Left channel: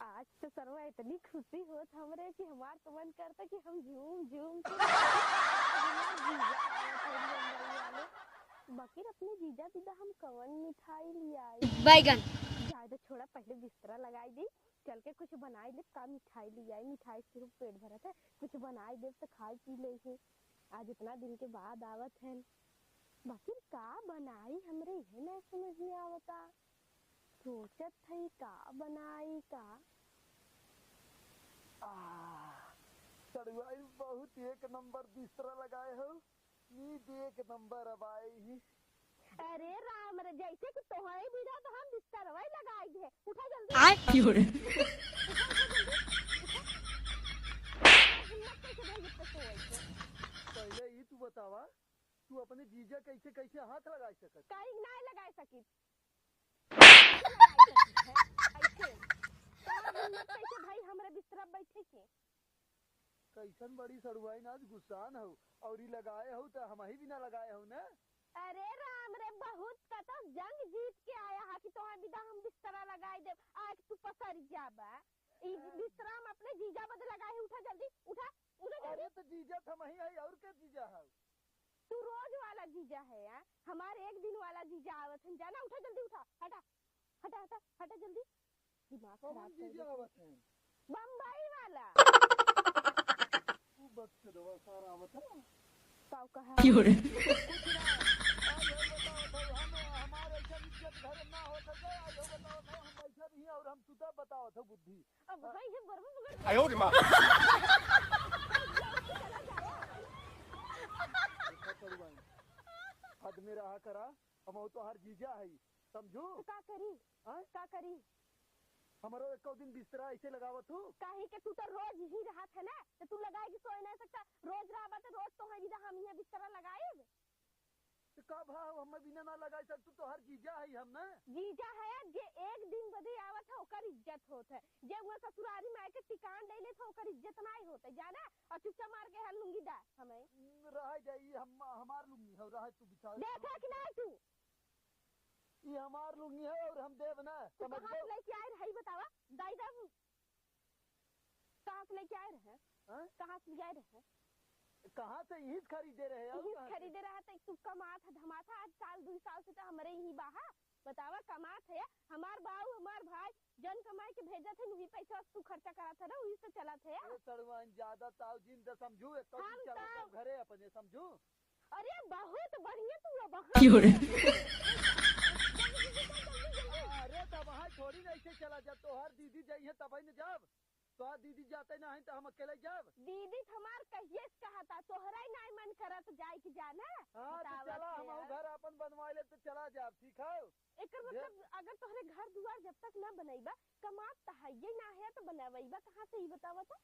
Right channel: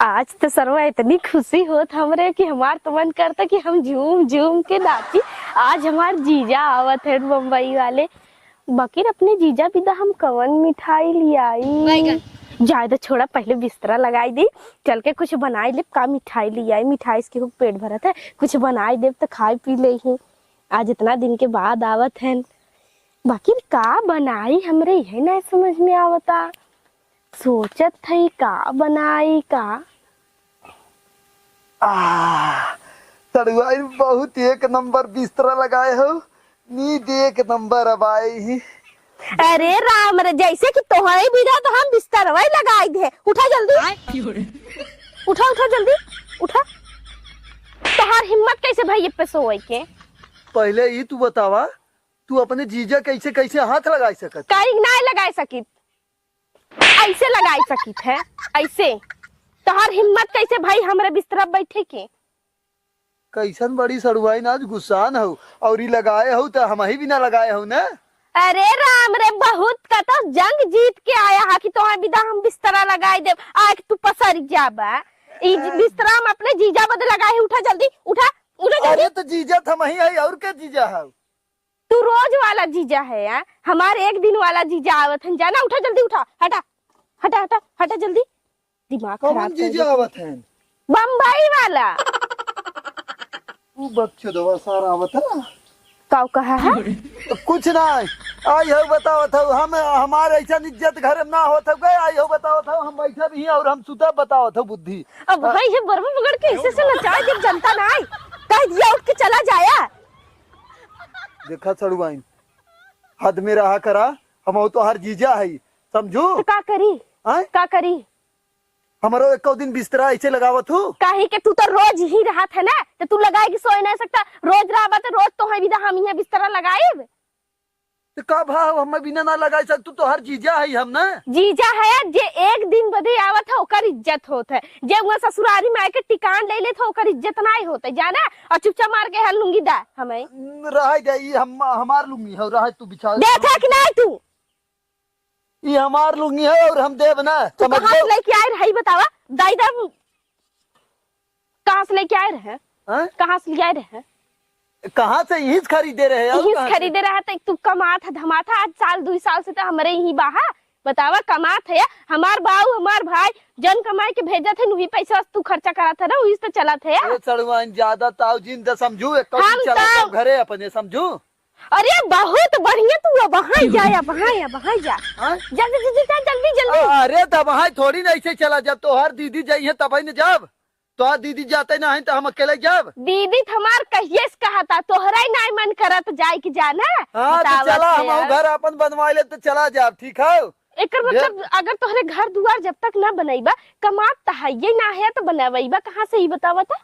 आज तो सरवा इतनी खुशी होत हमरे कि हमार तो मन करता कि हम झूम झूम के नाची। आज हमार जीजा आवत है मुंबई वाले। बकीर अपने जीजा पिता हम कवन मिठाई लियाई। ज्यादा छोड़ा पहले बिस्तरा लगाई दी, चल के कुछ बनाई ले। का मिठाई लियाई, मिठाई से खूब पेट भरत है, कुछ बनाई दे तो खाई पी ले ही। आज इतना दिन के बाद आवत है, बकीर का बनाई हमरे यही नहीं समझ में आवता। सोचत थई का बनाई का। तड़ुआई बहुत एक नंबर बिस्तरा लगाए हो, नींद एक नंबर अब आई ही। अरे राम रे, जैसे कि तोहरे बिना तो हम बिस्तर वही लगाई दे। उठा जल्दी, उठा उठा जल्दी उठा। तोहार हिम्मत कैसे भाई पे सोए के? पहले ही तू बतावा, तू अपने जीजा कैसे कैसे हाथ लगा सकत? कहीं नहीं लगा सकित, ऐसे लगा सकित है ऐसे। तोहार हिम्मत कैसे भाई हमारे बिस्तरा बैठे के? कैसन बड़ी सड़ुआई नाच गुस्सान हो और ही लगाए हो तो हम ही भी ना लगाए हो ना। अरे राम रे, बहुत का तो जंग जीत के आया हा कि तोहार बिदा हम बिस्तरा लगाई दे। आज तू पसर जाबा। ई बिस्तरा हम अपने जीजा बदे लगाए। उठा जल्दी उठा उठा जल्दी। अरे तो जीजा था वही है और क्या जीजा है? तू रोज वाला जीजा है यार, हमारे एक दिन वाला जीजा आवत है। जाना, उठा जल्दी उठा। हटा हटा हटा हटा जल्दी, दिमाग खराब कर जीजा आवत है? बम्बई वाला। तू बकचोदवा सारा आवत है। काऊ कहा है? कुछ ना आई हो बताओ था, हम हमारे ऐसा इज्जत घर ना होता गए। आई हो बताओ था, हम बैठा भी हैं और हम सुता बताओ था बुद्धि। अब भाई ये बर्मा पकड़ के ऐसे से नचा जब जनता ना आई, कह दिया उठ के चला जाया। देखा सड़ुआइन, हद में रहा करा। हम तो हर जीजा है, समझू। तो का करी? का करी? हमारो एक दिन बिस्तरा ऐसे लगावत हूँ। काहे के तू तो रोज ही रहा था ना, तो तू लगाएगी सोए नहीं सकता। रोज रहा तो रोज तो है भी हम यहाँ बिस्तरा लगाए। तो का भाव हम बिना ना लगा सकतू तो हर जीजा है हम ना। जीजा है जे एक दिन बदे आवत है ओकर इज्जत होत है। जे वहाँ ससुरारी में आके टिकान ले लेत है ओकर इज्जत नहीं होते जाना। और चुपचाप मार के हल लूंगी दा हमें रह जाई। हम हमार लूंगी है, रह तू बिछा देखा कि नहीं तू? ये हमार लूंगी है और हम देव ना। तू कहाँ से लेके आए रहे बतावा? दाई दा कहाँ से लेके आए रहे? कहाँ से ले आए रहे? कहाँ से यही खरीदे रहे? यही खरीदे रहा था। तू कमात है धमाता आज साल 2 साल से तो हमारे यही बाहा बतावा कमात है। हमार बाऊ हमार भाई जन कमाई के भेजा थे, वही पैसा तू खर्चा करा था ना, वही से चला था यार। सड़वाइन ज्यादा ताव जिंदा समझू, एक चला घरे अपने समझू। अरे बहुत बढ़िया, तू वहाँ जा वहाँ जा जल्दी जल्दी जल्दी जल्दी। अरे तब वहाँ थोड़ी नहीं से चला, जब तो हर दीदी जाइए तब ही न जब तो दीदी जाते ना है तो हम अकेले जब। दीदी हमार कहिए से कहा था, तोहरा ही नहीं मन करत जाए कि जाना। हाँ तो चला, हम घर अपन बनवा ले तो चला जा। ठीक है, एक मतलब अगर तोहरे घर दुआर जब तक ना बनाईबा, कमात तो है ये ना है तो बनावाईबा कहाँ से? ही बतावा था।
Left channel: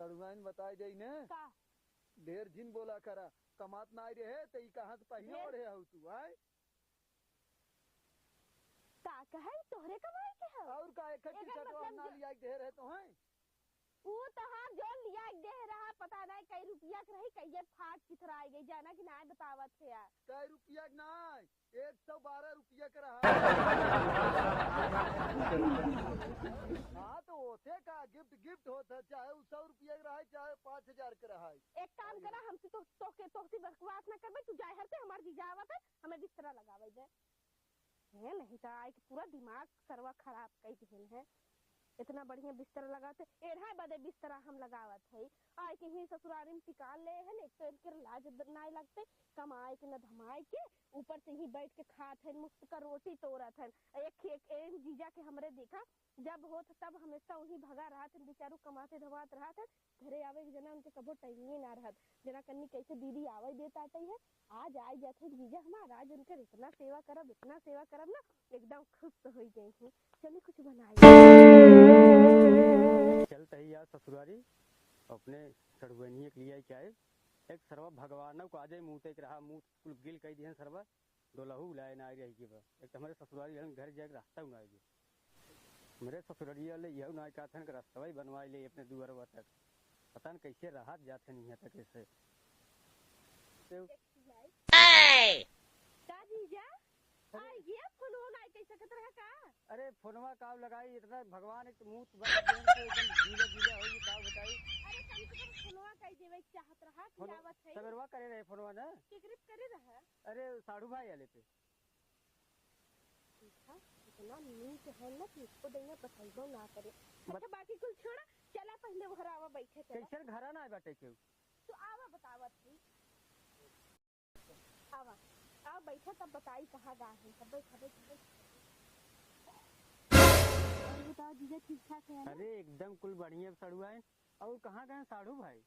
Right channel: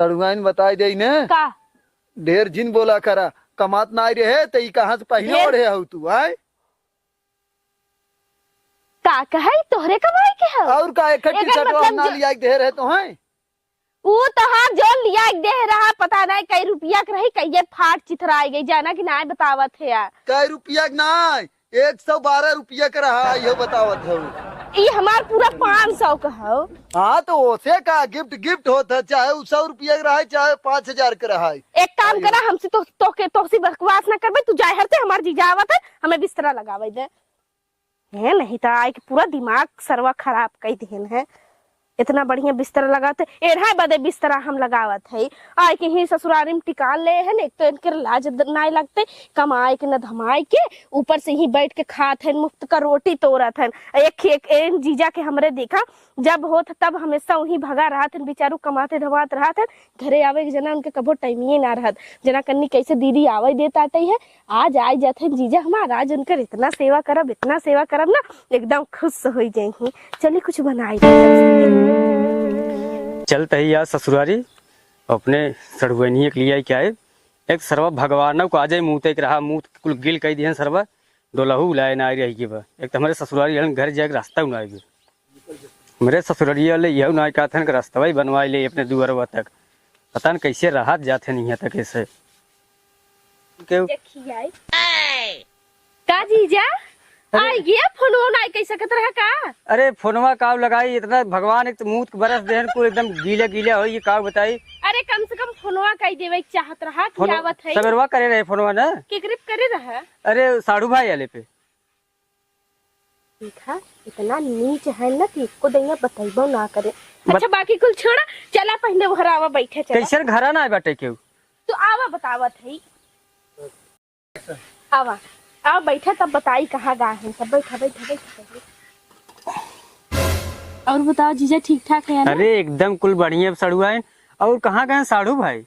तड़ुआइन बताई दे ने का ढेर जिन बोला करा, कमात ना रहे तो कहाँ से पहले ओढ़े हो तू? आए का कहे तोहरे कमाई के है और का इकट्ठी सटवा ना लिया दे रहे तो हैं। वो तो हाँ जो लिया दे रहा पता नहीं कई रुपया के रही, कई फाट चिथराई गई जाना कि ना बतावत है यार। कई रुपया ना 112 रुपया का रहा, ये बतावत हो। ये हमार पूरा 500 का है। हाँ तो ओसे का गिफ्ट होता, चाहे 100 रुपया का रहा चाहे 5000 का रहा। एक काम करा, हमसे तो बकवास ना करबे। तू जाए हरते हमार जीजा आवत है, हमें बिस्तरा लगावे दे है। नहीं तो आए कि पूरा दिमाग सरवा खराब कई दिन है। इतना बढ़िया बिस्तर लगाते एढ़ा बदे बिस्तरा हम लगावत है। आए के ही ससुरारी में टिकान ले है। एक तो इनके लाज नहीं लगते, कमाए के न धमाए के, ऊपर से ही बैठ के खात है, मुफ्त का रोटी तोड़त है। एक जीजा के हमरे देखा जब होत तब हमेशा वही भगा रहा था, बेचारू कमाते धमाते रहा था। घरे आवे के जना उनके कबो टाइम ही ना रहत। जना कन्नी कैसे दीदी आवे देता है, आज आए जाते जीजा हमारा। आज उनकर इतना सेवा करब ना, एकदम खुश हो जाए। चलिए कुछ बनाई चलते ही यार ससुरारी अपने सड़ुआनी के लिए क्या है। एक सर्वा भगवान को आज मुँह तक रहा, मुँह कुल गिल कही दिए सर्वा डोलहू लाए ना रही की बा। एक तो हमारे ससुरारी घर जाके रास्ता ना आएगी। मेरे ससुरारी वाले यह ना कहते हैं कि रास्ता ही बनवा ले अपने दुआरवा तक। पता न कैसे राहत जाते नहीं यहाँ तक ऐसे। का जीजा आई गया फोन आई कैसे सकत रहा का? अरे फोनवा काव लगाई इतना भगवान एक तो मुंह के बरस देहन को एकदम गीले गीले हो ये काव बताई। अरे कम से कम फोनवा कई देवे के चाहत रहा कि आवत है। सबरवा करे रहे फोनवा ना केकरे करे रहा? अरे साढ़ू भाई आले पे देखा इतना नीच है ना कि इसको दैया बताइबो ना करे। अच्छा बाकी कुल छोड़ा, चला पहले घर आवा बैठे चला। कैसे घरा ना बैठे क्यों तो आवा बतावत है। आवा आओ बैठा तब बताई कहाँ गा है सब। बैठा बैठा बैठा। और बताओ जीजा ठीक ठाक है ना? अरे एकदम कुल बढ़िया सड़ुआ है। और कहाँ गए साढ़ू भाई?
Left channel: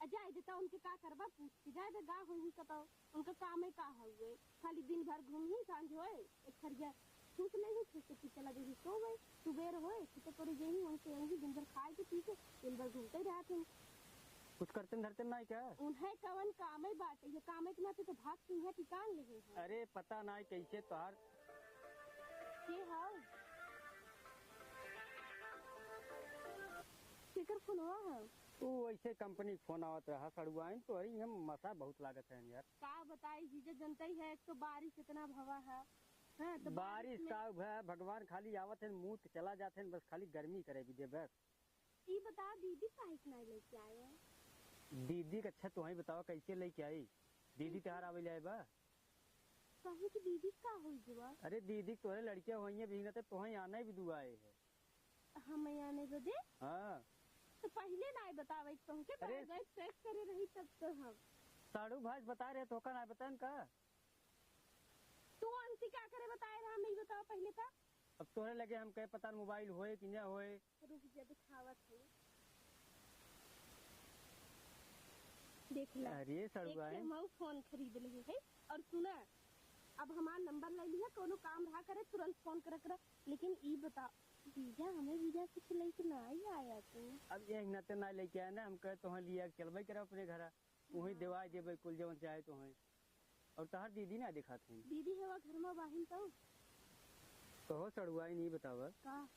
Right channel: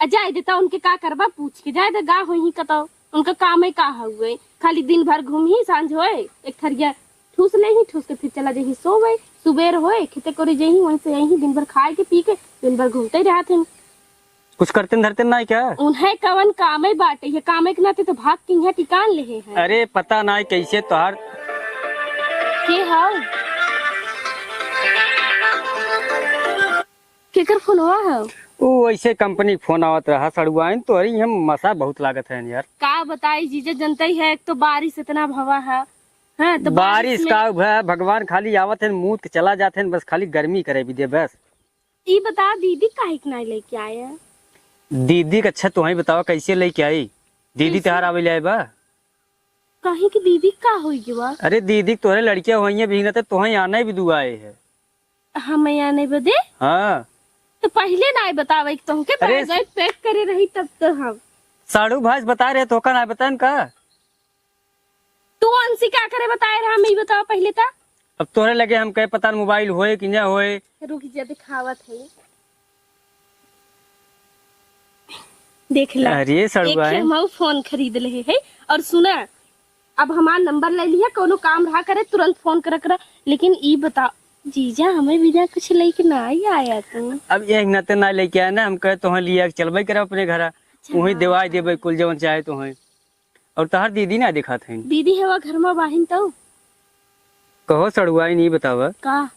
जाए देता उनके का करबा पूछ के जाए दे गा हो ही कतो उनका काम है का हुए खाली दिन भर घूम ही सांझ होए एक थरिया ठूस ले ही ठूस के फिर चला जाही सोवे सुबेर होए खेते करे जही वहीं से यही दिन भर खाए के पी के दिन भर घूमते ही रहते। कुछ करते धरते ना क्या? उन्हें कवन काम है बाटे ये काम के नाते तो भाग के यहाँ टिकान ले हैं। अरे पता ना कैसे तोहार के हाउ केकर फोन हुआ है? वो ऐसे कंपनी फोन आवत रहा सड़ुआ है तो अरे हम मसा बहुत लागत है यार। का बताई जीजा जनता ही है एक तो बारिश इतना भवा है। हाँ, तो बारिश का भगवान खाली आवत है मुंह के चला जाते हैं बस खाली गर्मी करे भी दे बस। ये बता दीदी काहे के नहीं लेके आया? दीदी का अच्छा तो ही बताओ कैसे लेके आई? दीदी त्योहार आवे ले बा कहीं की दीदी का होगी बा? अरे दीदी तोरे लड़कियां हुई भी तो तुहे आना ही भी दुआ है। हमें आने बदे? हाँ तो पहले ना बतावे तुमके अरे बैग पैक करे रही तब तो हम साढ़ू भाई बता रहे तो का ना बतान का। तू अंसी क्या करे बताए रहा मैं बताओ पहले था। अब तोरे लगे हम कहे पता मोबाइल होए कि ना होए। रुक जा दिखावत है देख ला। अरे सड़ुआ है हम फोन खरीद ले है और सुना अब हमारा नंबर ले लिया कोनो काम रहा करे तुरंत फोन कर। लेकिन ई बता जीजा हमें बिना कुछ लेके ना ही आया तू। अब ये नाते ना लेके आया ना हम कहे तो लिया चलबे करे अपने घर वही देवाई देवे कुल जवन चाहे तो है। और तहार दीदी ना दिखा थे? दीदी है वो घर में बाहिन तो कहो सड़ुआ नहीं बतावा का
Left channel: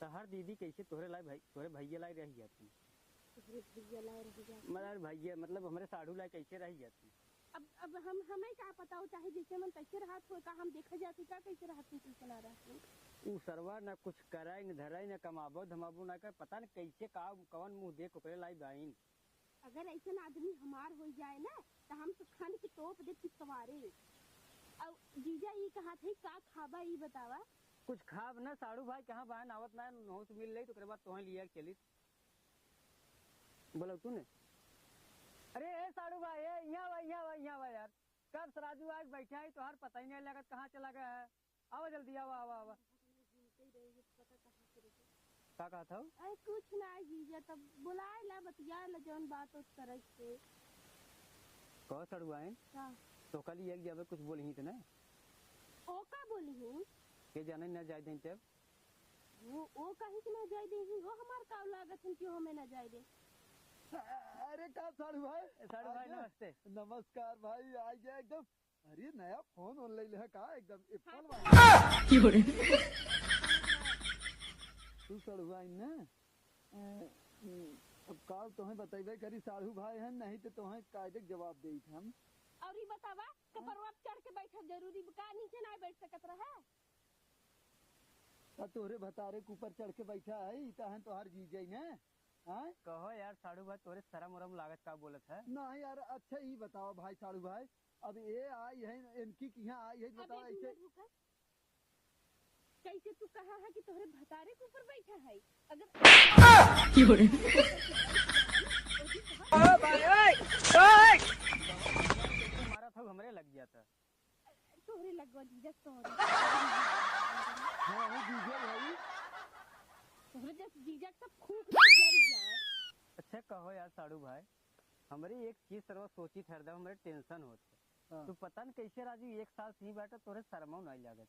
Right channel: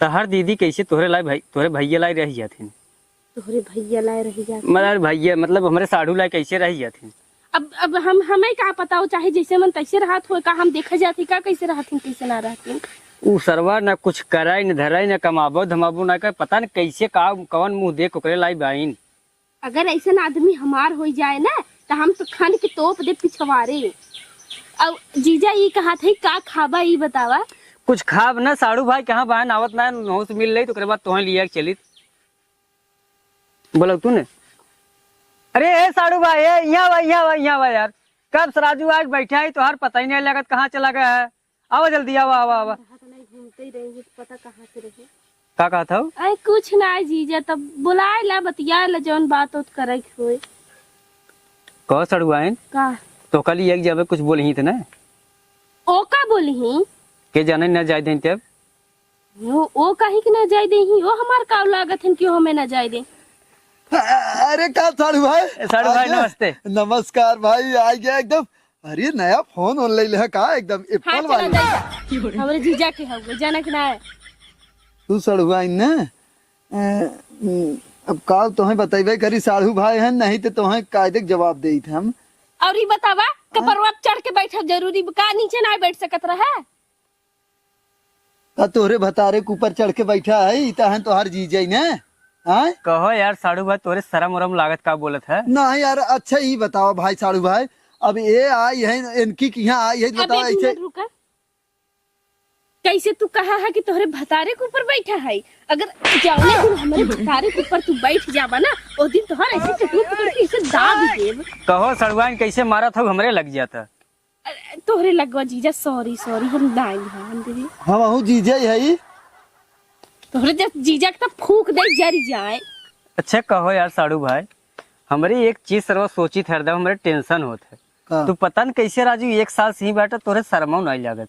तहार दीदी कैसे तोहरे लाई भाई तोहरे भैया लाई रही जाती? तोहरे भैया लाए रही जाते मतलब भैया मतलब हमारे साढ़ू लाई कैसे रही जाती? अब हम हमें का पता हो चाहे जैसे मन तैसे रहत हो का हम देखा जाती का कैसे रहती कैसे ना रहती। उ सरवा न कुछ कराई न धराई न कमाबो धमाबो ना कर पता न कैसे का कवन मुंह देख ओकरे लाई बाइन। अगर ऐसा आदमी हमार हो जाए ना तो हम तो खान के तोप दे पिछवारे। अब जीजा ये कहा था का खाबा ये बतावा? कुछ खाब ना साढ़ू भाई कहाँ बहन आवत ना नौस मिल रही तो बाद तुहे लिया चली बोलो तू ने। अरे ए साढ़ू भाई यहाँ भाई यार कब सराजू आज बैठा है तो हर पता ही नहीं लगत कहाँ चला गया है। आओ जल्दी आओ आओ आओ। घूमते ही रहेंगे तो पता कहाँ से रहे। का कहा था? अरे कुछ ना जीजा तब बुलाए ला बतिया ला जौन बात उत करे होए। कहो साढ़ू भाई का तो कल एक जब कुछ बोल ही थे ना ओ का बोली ही के जाने न जाए दें तब वो कहीं कि ना जाए दे ही वो हमार का लागत है क्यों हमें ना जाए दे। अरे का साड़ू साढ़ू भाई नमस्ते। नमस्कार भाई आ गया एकदम। अरे नया फोन ऑनलाइन है का एकदम हाँ एप्पल चला वाली। जा हमारे जीजा के हो जाना कि ना है। तू सड़ुआ ना अब का तुम्हें बतेबे करी साढ़ू भाई है नहीं तो तुम्हें कायदे जवाब दे थे हम। और ये बतावा कपरवा चढ़ के बैठा जरूरी का नीचे ना बैठ सकत रहा? तोहरे भतारे के ऊपर चढ़ के बैठा है इता है तोहार जीजा ना। हाँ कहो यार साढ़ू भाई तोरे शरम उरम लागत का बोलत है? नहीं यार अच्छा ही बताओ भाई साढ़ू भाई अब ये आई है इनकी यहाँ आई है बताओ ऐसे कैसे तू कहा है कि तोहरे भतारे के ऊपर बैठा है? अगर जाओ हमारे भतारे के ऊपर तू बैठ जावा ना उस दिन तोहरा ऐसे दाब देब। कहो सड़ुआ कैसे मारा था हमरे लग जाता। तोहरे लगवा जीजा सॉरी सॉरी हम दाई हैं हम हूँ जीजा है तोहरे जब जीजा के फूक दे जरी जाए। अच्छा कहो यार साड़ू भाई हमारी एक चीज सर्व सोची थे हरदम हमारे टेंशन होते है तू पता न कैसे राजू एक साल से ही बैठा तोरे शर्मा नहीं लागत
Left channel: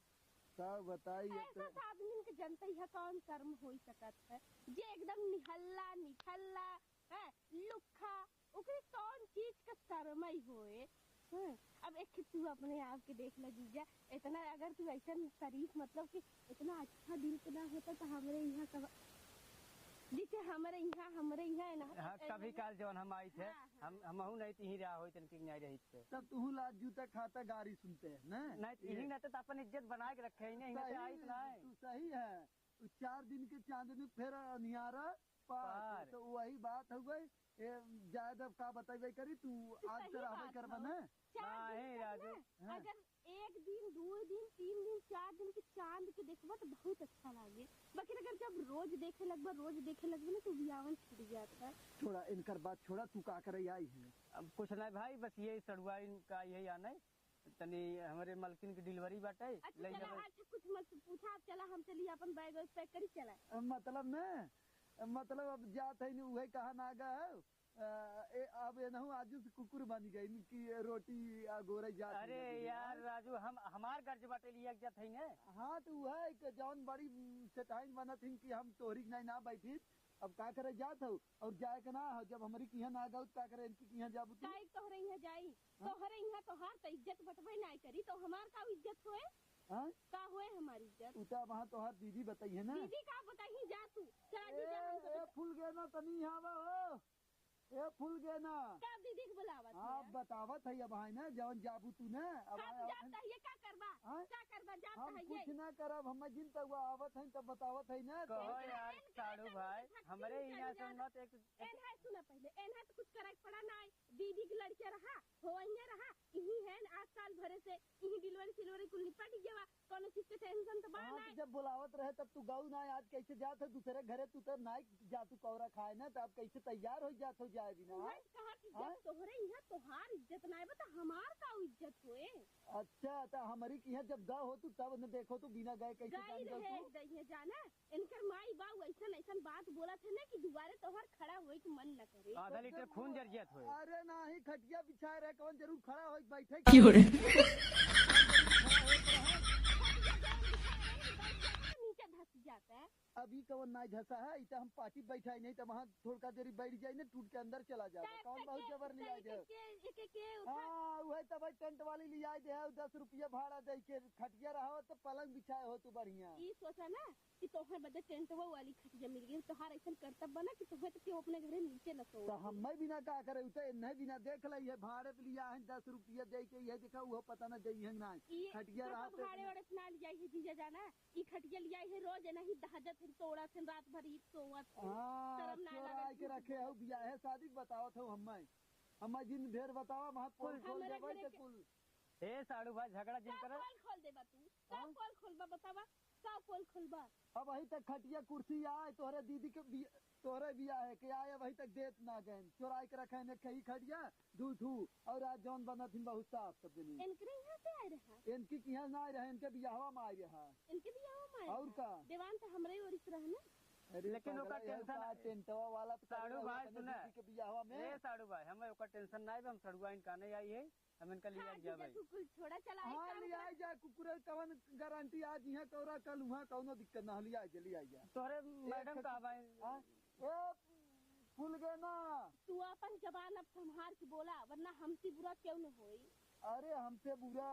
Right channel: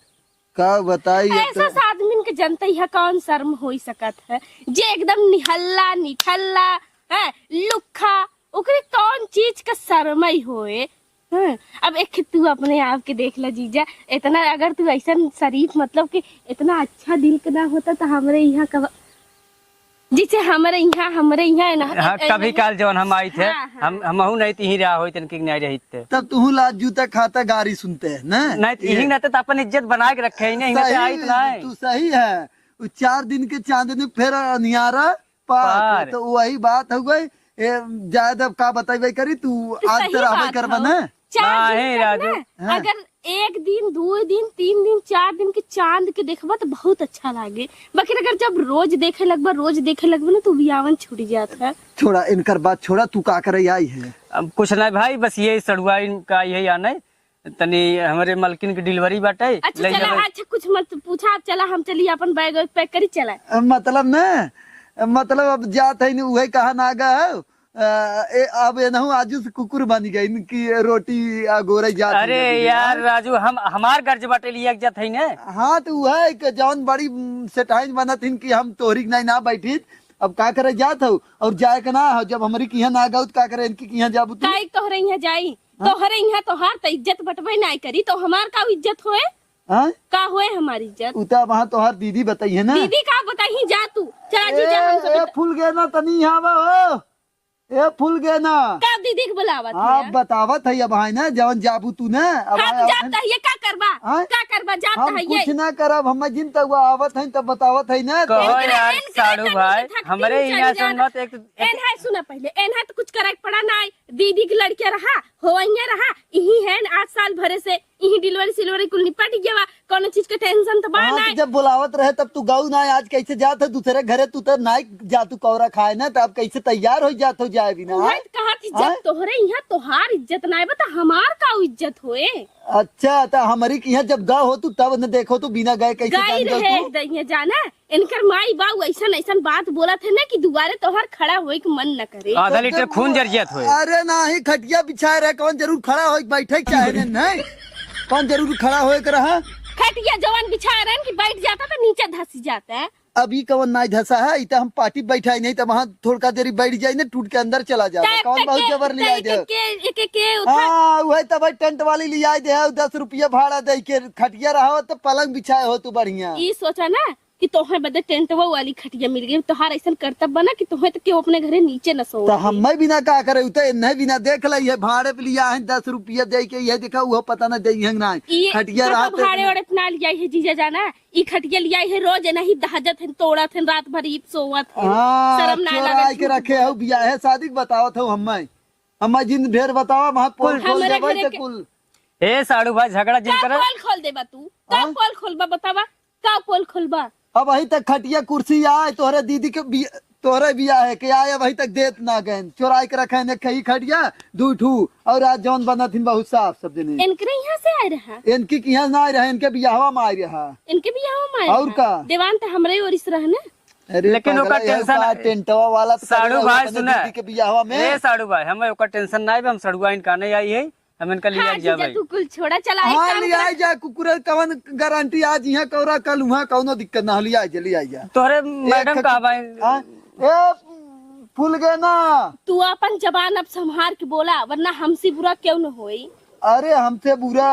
का बताई। ऐसा आदमी के जनता है कौन शर्म हो सकत है जे एकदम निहल्ला निठल्ला है लुखा ओकरे कौन चीज का शर्म ही होए। अब एक तू अपने आप के देख ला जीजा इतना अगर तू ऐसा शरीफ मतलब कि इतना अच्छा दिल का ना होता तो हमारे यहाँ का जिसे हमारे यहाँ है ना। हाँ, कभी काल जवन हम आई थे, हाँ, हाँ। हमहू नहीं थी रहा हो तनकी नहीं रही थे। तब तू लाज जूता खाता गाड़ी सुनते है ना। नहीं यही नहीं तो अपन इज्जत बना के रखे ही नहीं आई तो नहीं। तू सही है। 4 दिन के चांदनी फिर अनियारा पार, तो वही बात हो गई। ज्यादा का बताई करी तू आज सही तेरा बात करबा हो। ना। 4 नहीं, दिन तक राजू। ना, हाँ। अगर 1 दिन 2 दिन 3 दिन 4 दिन के चांद के देखबा तो बहुत अच्छा लागे। बाकी अगर जब रोज देखे लगबा ना तो बियावन छूट जाता है। छोड़ा इनकर बात छोड़ा, तू का करे आई है। अब कुछ नहीं भाई, बस ये सड़ुआ का यही आना है। तनी हमारे मलकिन की डिलीवरी बाटे। अच्छा चला, अच्छा कुछ मत पूछा, अब चला हम चलिए अपन बैग पैक करी चला। मतलब न मतलब अब जात है वही कहा ना गा। अब ये नहु आजू से कुकुर बन गई इनकी रोटी गोरे जात। अरे यार राजू, हम हमार गर्ज बाटे लिया जात है ना। हाँ तो वह है कि जौन बड़ी सेटाइन बनत हिन कि हम तोहरी नहीं ना बैठी। अब का करे जात हो और जाए के ना हो, जब हमारी किया ना गाउत का करे इनकी किया जाबू तू। काई तोहरे यहाँ जाई, तोहरे यहाँ तोहार तो इज्जत बटबे नहीं करी तो हमार का इज्जत होए? हाँ का होए हमारी इज्जत? उता वहाँ तोहार दीदी बताई है ना। दीदी का बताही जा तू, चला जी जा हम ए सब। फूल गए ना तनी यहाँ हो। ए फूल गए ना। का दीदी के बुलावत हाँ है? बतावत है अब है ना जवन जाबू तू ना। अब हाँ तो जाता है ये का करबा? हाँ? का करबा जाता हम है ये? कुछ ना करब, हम जिन तक आवत है तब बतावत है ना। कहो इनकरे- यार इनकरे साड़ू तनी भाई, से थकती हमारे हुई यहाँ चली सुन मत एक एन है सुना पहले, एन है तो कुछ करे पड़ा ना। दीदी की लड़के रहा हो रहा यही है 8 साल भरे से यही डिलीवरी सिलवरी कुल निपट गया। कोनो चीज के टेंशन तो बा हाँ, ना। तो जब बुलावत रहे तब तू गाँव ना आज कैसे जात है दूसरे घरे, तू तो ना जा तू कौरा खाए ना, तब कैसे तैयार हो जात हो जाए बिना। मैं कहा थी हाँ? जब तोहरे यहाँ तोहार इज्जत ना बता हमार का इज्जत होए? अच्छा तो हमारी यहाँ जब गाँव हो तू तब न देखो तू बिना गए कैसे गई जान रहे तू। दइया जाना इनकर माई बाऊ ऐसा ऐसा बात बोला थे ना कि दोबारा तोहार खड़ा होए के मन न करे। आधा लीटर खून जर्जियत हुए। अरे नहीं खटिया बिछाए रहे, कौन जरूर खड़ा हो बैठे चाहे नहीं, कौन जरूर खड़ा होए के रहा। खटिया जवान बिछाए रहे कि बैठ जाता तो नीचे धसी जाता है। अभी कवन नाई धसा है, इतना हम पार्टी बैठाई नहीं तो वहाँ थोड़ा देरी बैठ जाए ना टूट के अंदर चला जाए। कौन बहुत जबर ले आए दे। हाँ वही तब टेंट वाली ले आए दे 10 रुपया भाड़ा दे के खटिया रहा तो पलंग बिछाए हो तू बढ़िया। ये सोचा ना कि तोहे बदे टेंट वाली खटिया मिल गई, तोहार ऐसा कर्तव्य बना कि तोहे तो क्यों अपने घरे नीचे न सो। तो हम बिना का करे उते नहीं बिना देख ली है भाड़े पे लिया है 10 रुपया दे के ये देखा वो पता न दे ना खटिया रहा भाड़े ओड़े अपना लिया है जीजा जाना ई खटिया लिया है रोज नहीं दहजत है तोड़त है रात भर ईप सोवत है। हाँ शर्म ना चोरा लागत के रखे हो बिया है शादी बतावत हो हम जिन ढेर बतावा वहाँ पोल खोल हमारे देबै घरे तो के- कुल। ए साड़ू भाई झगड़ा जिन का करे पोल खोल देबा तू? का पोल खोलबा बतावा? का पोल खोलबा? अब वही तक खटिया कुर्सी आए तोहरे दीदी के तोहरे बिया है के आए वही तक देत ना गए चोरा के रखे ने कही खटिया 2 ठू और आज जौन बना थी बहुत साफ सब दिन इनकरे यहाँ से आए रहा, इनकी यहाँ ना रहे इनके बियाहवा में आए रहा। इनके भी यहाँ में और का? देवान तो हमरे ओरिस रहने। अरे लेकिन ओका टेंशन टेंटवा वाला तो साड़ू करे भाई अपने सुना दीदी के बियाहवा में। ए साड़ू भाई, हमें ओकर टेंशन ना है, हम सड़ुआ इनका नहीं आई है, हम इनका लिया हाँ जा जीजा भाई। तू कुल छोड़ा चला एक हाँ काम ले कर। आई जा कुकुर कवन गारंटी आज यहाँ कौरा कल वहाँ कौनो दिक्कत ना ले आई जा। तोहरे मैडम का भाई हाँ, ए फूल गए ना। तू अपन जबान अब संभार के बोला वरना हमसे बुरा क्यों न होई। अरे हमसे बुरा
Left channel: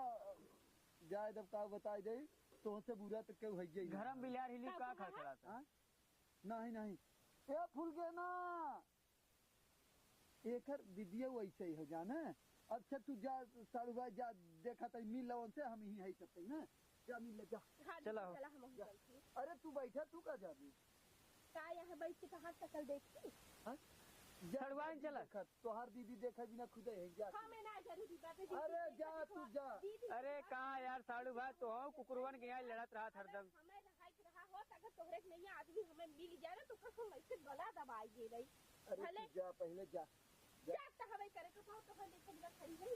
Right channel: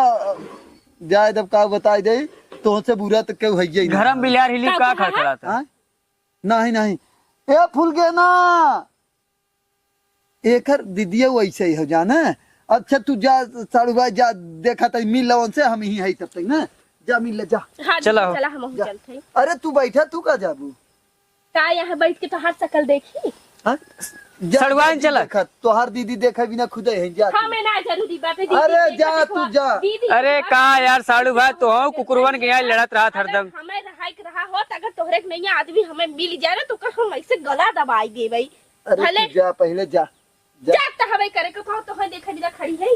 जाए जब का बताई दे तो हमसे बुरा तो क्यों है ही घर में बिलार हिली का खड़खड़ा था। हाँ? नहीं नहीं ए फूल गए ना एक दीदिया वैसे ही हो जाना। अच्छा तू जा साड़ू भाई जा देखा तो मिल लो उनसे हम ही है तब तक ना जा मिल ले जा। हाँ चला चला हो। चला हम जा। चलते अरे तू बैठा तू का जाबू का यहाँ बैठ के तो हर शकल देखी। हाँ? सड़ुआइन चला। तोहार दीदी देखा बिना खुदे है जा हाँ मैं ना जरूरी बात है। अरे जा तू जा। अरे कहा यार साड़ू भाई, तो हम कुकुरवन के यहाँ लड़त रहा हरदम। हमें रहा हो अगर तोहरे के नहीं आदमी हमें मिल जाए ना तो कर हम ऐसे गला दबाई दे भाई। अरे भले तू जा पहले जा जाता हवे करे को तो देखा दिला खड़ी है।